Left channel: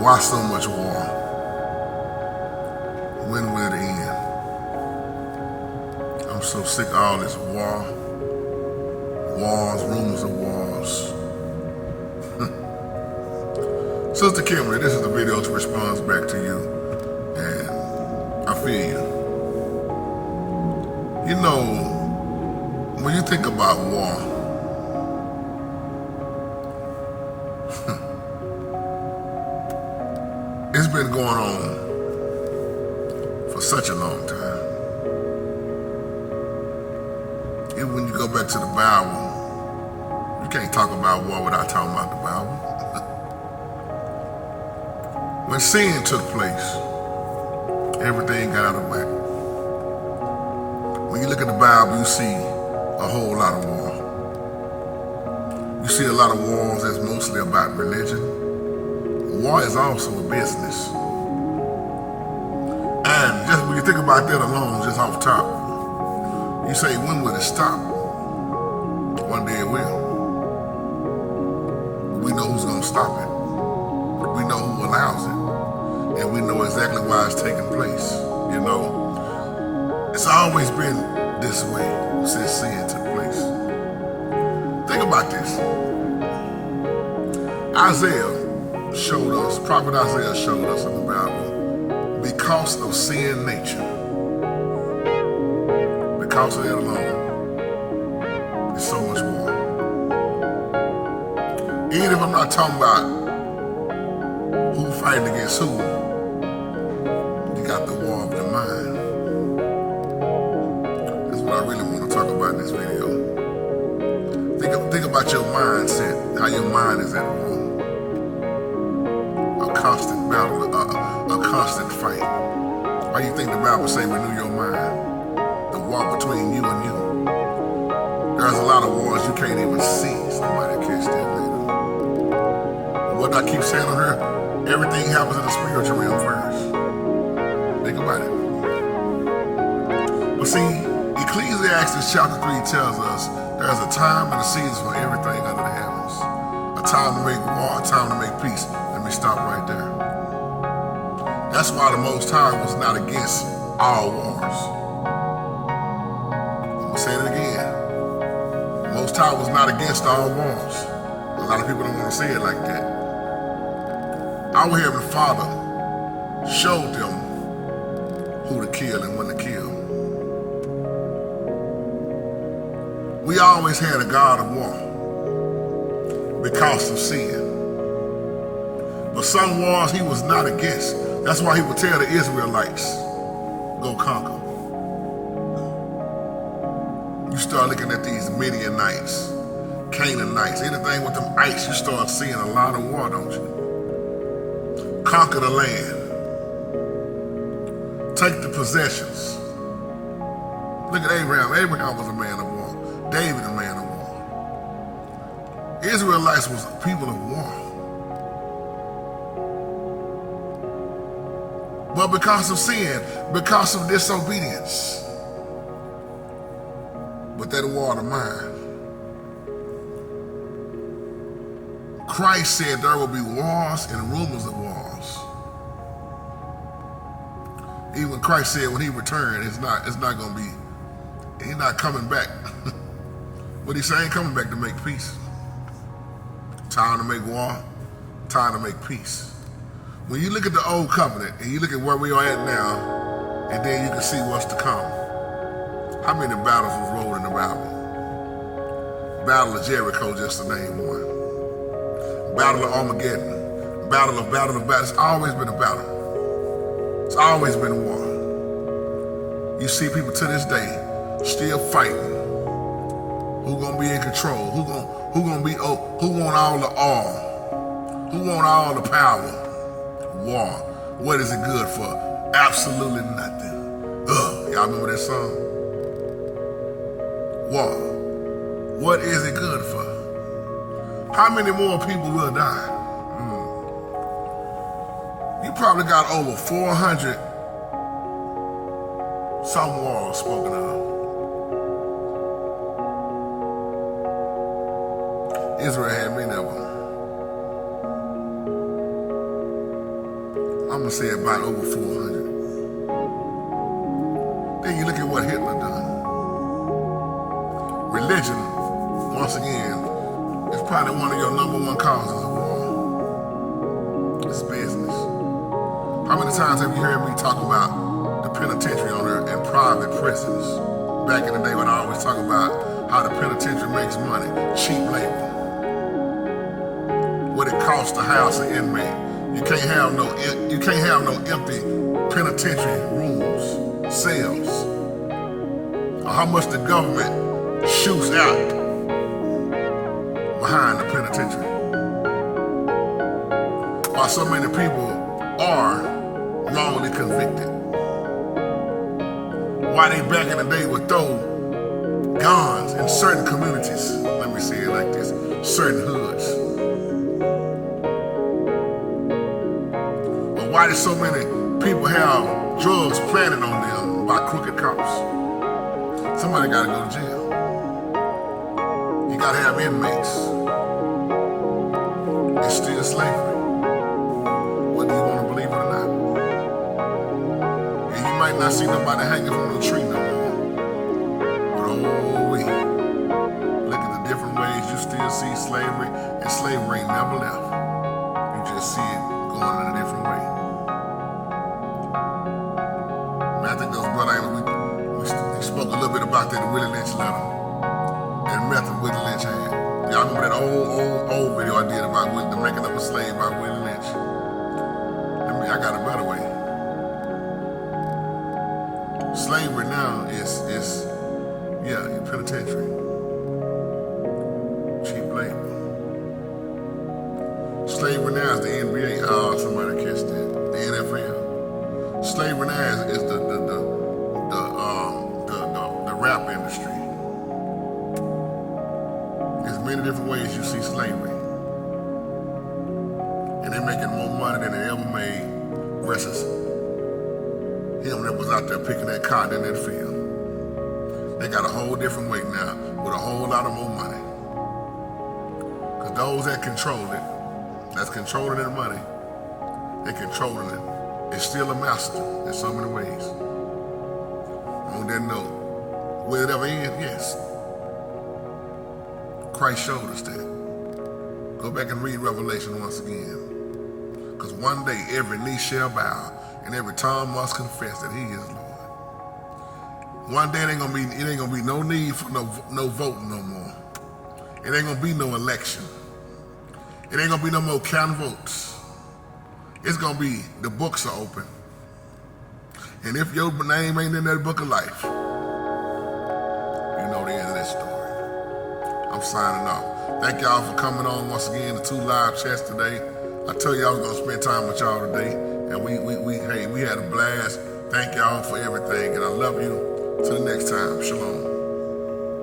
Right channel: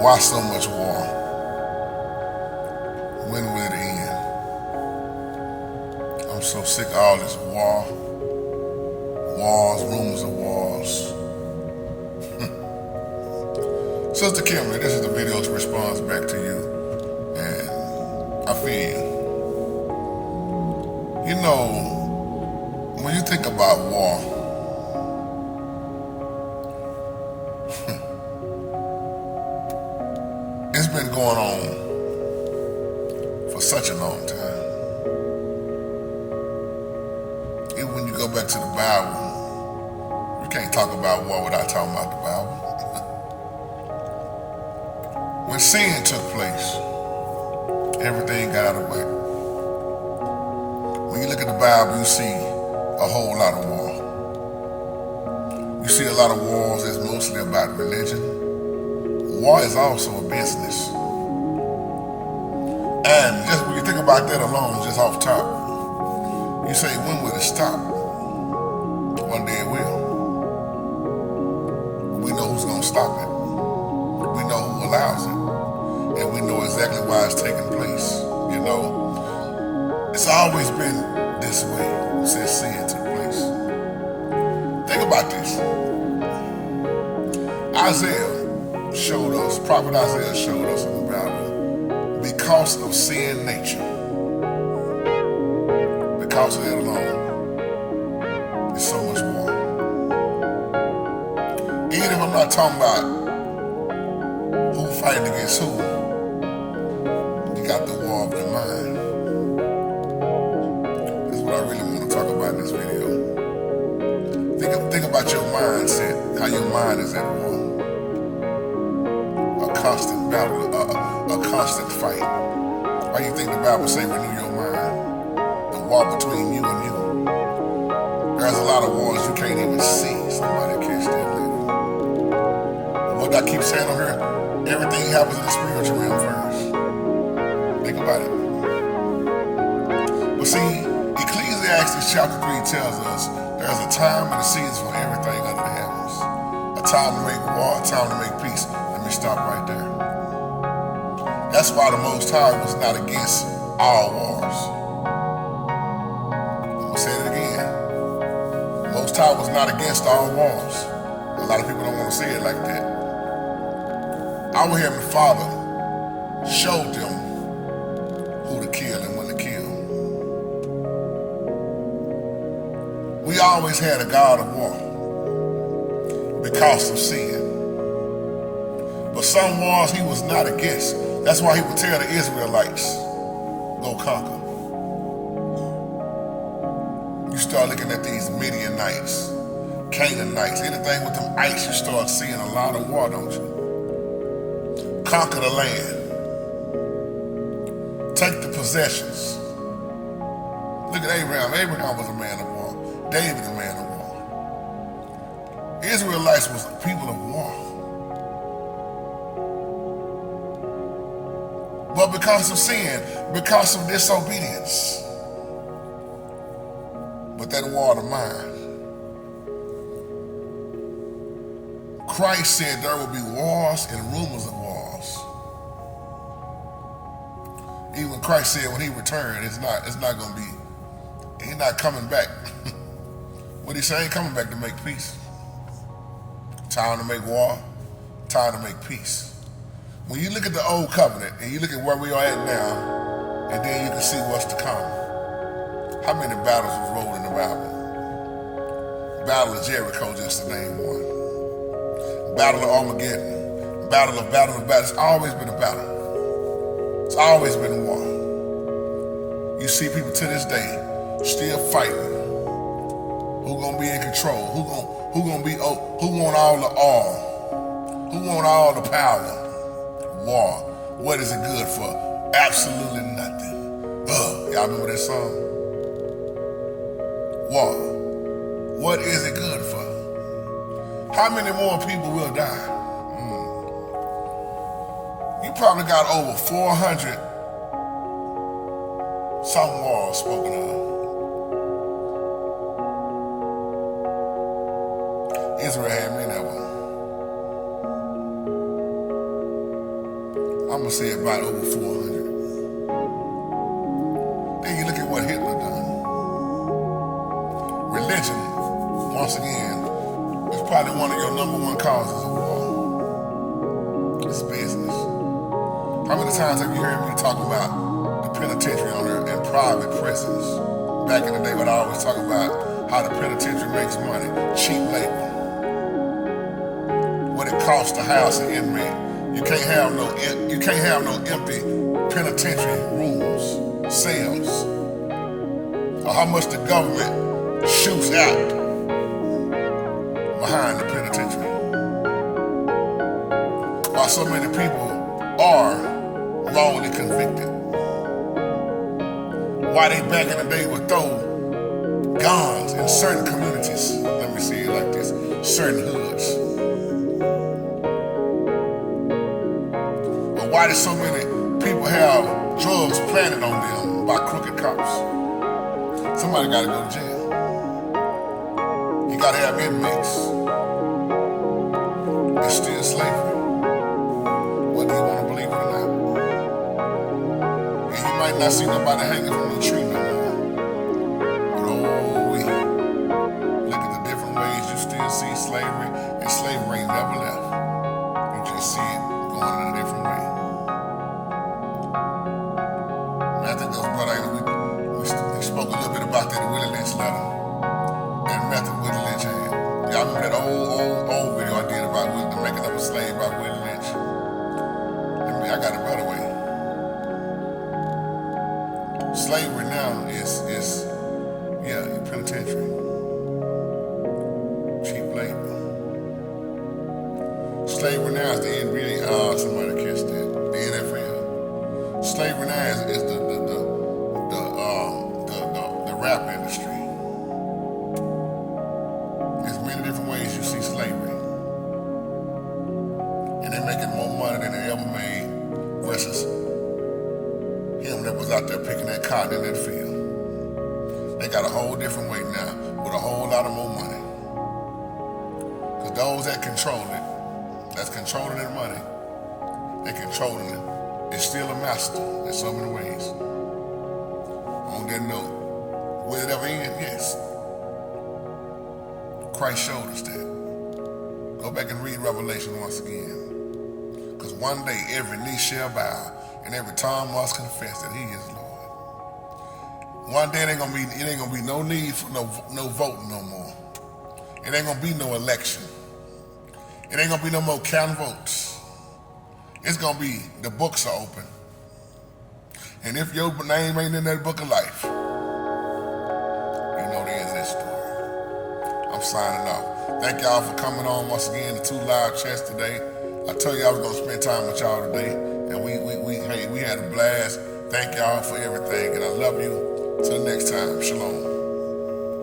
Why so much war? When will it end? I'm so sick of all this war. Wars, rumors of wars. Sister Kimberly, this is the video to respond back to you. And I feel you. You know, when you think about war, it's been going on for such a long time. Even when you go back to the Bible, you can't talk about war without talking about the Bible. When sin took place, everything got out of whack. When you look at the Bible, you see a whole lot of war. You see a lot of wars that's mostly about religion. War is also a business. And just when you think about that alone, just off top, you say, when will it stop? One day it will. We know who's gonna stop it. We know who allows it. And we know exactly why it's taking place. You know, it's always been this way since sin took place. Think about this. Isaiah showed us, Prophet Isaiah showed us in the Bible, because of sin nature, because of that alone, there's so much more. Even if I'm not talking about who fighting against who, you got the war of the mind. That's what I really want to talk about in this video. Think about your mindset, how your mind is at war. A constant battle, a constant fight. Why do you think the Bible say renew your mind? The war between you and you. There's a lot of wars you can't even see. Somebody catch that later. What I keep saying on her, everything happens in the spiritual realm first. Think about it. Well, see, Ecclesiastes chapter 3 tells us there's a time and a season for everything under the heavens. A time to make war, a time to make peace. Let me stop right there. That's why the Most High was not against all wars. I'm gonna say it again. The Most High was not against all wars. A lot of people don't want to say it like that. Our Heavenly Father showed them who to kill and when to kill. We always had a God of war because of sin. But some wars he was not against. That's why he would tell the Israelites, go conquer. You start looking at these Midianites, Canaanites, anything with them ice, you start seeing a lot of war, don't you? Conquer the land. Take the possessions. Look at Abraham. Abraham was a man of war. David a man of war. Israelites was the people of war. But because of sin, because of disobedience, with that war of mine, Christ said there will be wars and rumors of wars. Even Christ said when he returned, it's not gonna be, he's not coming back. What he saying? Coming back to make peace. Time to make war, time to make peace. When you look at the old covenant and you look at where we are at now, and then you can see what's to come. How many battles was rolled in the Bible? Battle of Jericho, just to name one. Battle of Armageddon. Battle of battles. It's always been a battle. It's always been a war. You see people to this day still fighting. Who gonna be in control? Who want all the oil? Who want all the power? War. What is it good for? Absolutely nothing. Y'all remember that song? War. What is it good for? How many more people will die? You probably got over 400 some wars spoken of. Israel had many of them. I'm gonna say about over 400. Then you look at what Hitler done. Religion, once again, is probably one of your number one causes of war. It's business. How many times have you heard me talk about the penitentiary owner and private prisons? Back in the day when I always talk about how the penitentiary makes money, cheap labor. What it costs to house an inmate. You can't have no empty penitentiary rooms, cells. Or how much the government shoots out behind the penitentiary. Why so many people are wrongly convicted. Why they back in the day would throw guns in certain communities. Let me say it like this, certain hoods. But why do so many people have drugs planted on them by crooked cops? Somebody gotta go to jail. You gotta have inmates. It's still slavery. Whether you wanna believe it or not. And you might not see nobody hanging from the tree no more. But oh, look at the different ways you still see slavery, and slavery ain't never left. You just see it going in a different way. And I think those brothers, we spoke a little bit about that in Willie Lynch letter. That method Willie Lynch had. Y'all remember that old video I did about the making of a slave by Willie Lynch? I got a better way. Slavery now is your penitentiary. Cheap labor. Slavery now is the NBA. Somebody catch that. The NFL. Slavery now is the rap industry. There's many different ways you see slavery. And they're making more money than they ever made versus him that was out there picking that cotton in that field. They got a whole different way now with a whole lot of more money. Because those that control it, that's controlling that money, they're controlling it. It's still a master in so many ways. On that note, will it ever end? Yes. Christ showed us that. Go back and read Revelation once again. Because one day every knee shall bow and every tongue must confess that He is Lord. One day it ain't gonna be no need for no voting no more. It ain't gonna be no election. It ain't gonna be no more counting votes. It's gonna be the books are open. And if your name ain't in that book of life, you know the end of that story. I'm signing off. Thank y'all for coming on once again to 2 Live Chats today. I told you I was gonna spend time with y'all today, and we had a blast. Thank y'all for everything, and I love you. Till next time, shalom.